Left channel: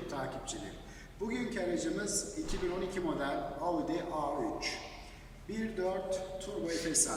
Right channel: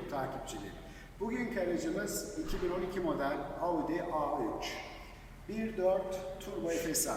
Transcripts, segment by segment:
takipçileri. Bugünkü aracımız 2012 model Audi A3. 1.4 Turbo FSI.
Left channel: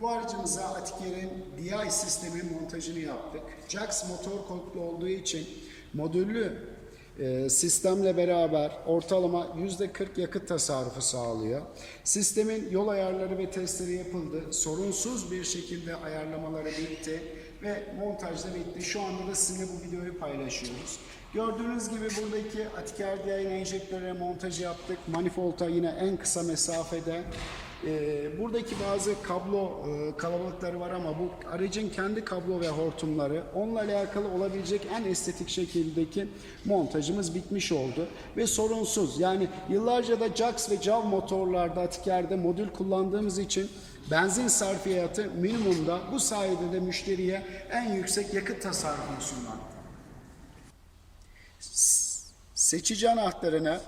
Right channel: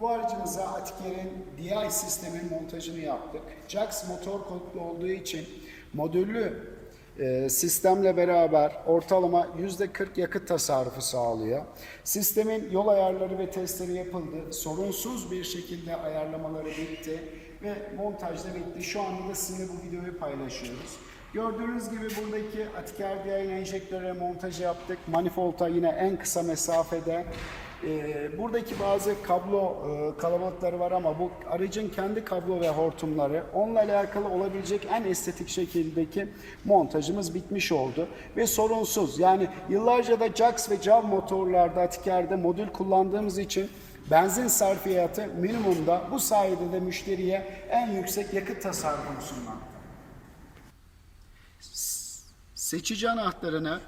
Bu aracımıza Atiker'in DI sistemi montajını yaptık. Jax motor kodlu olduğu için modüllü e, sistemle beraber ortalama %40 yakıt tasarrufu sağlıyor. Sistemin yol ayarları ve testleri yapıldı. Sorunsuz bir şekilde ayarlamaları bitti ve montaj da bitti. Şu anda da sizinle bu videoyu paylaşıyoruz. Gördüğünüz gibi buradaki Atiker DI'nin enjektörüne montajı yaptık. Manifold'a yine en kısa mesafede. Ee, buradaki bazı kablo e, kalabalıkları var ama bu aracın kendi kablo ve hortumları onunla alakalı olabilecek en estetik şekildeki montajımız bitmiş oldu ve sorunsuz yani yıllarca da Jax ve Jav motorlarda Atiker'de modül kullandığımız için benzin sarfiyatı minimumda bu sayede de müşteriye en yüksek yakıt tasarrufunu sunmakta. Seçici anahtarını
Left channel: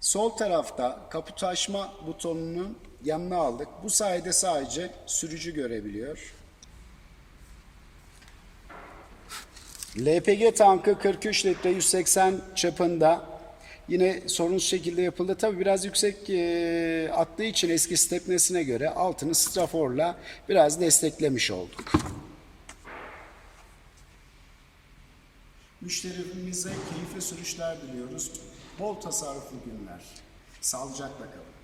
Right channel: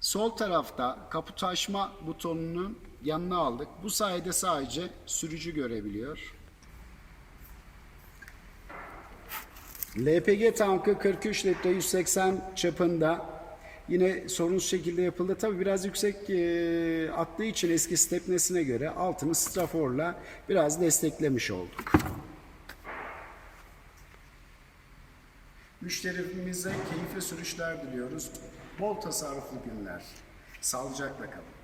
sol tarafta kaput açma butonunun yanına aldık. Bu sayede sadece sürücü görebiliyor. LPG tankı 43 litre 180 çapında yine sorunsuz şekilde yapıldı. Tabi biraz yüksek e, attığı için eski stepnesine göre altını straforla biraz desteklemiş olduk. Müşterimize keyifli sürüşler diliyoruz. Bol tasarruflu günler. Sağlıcakla kalın.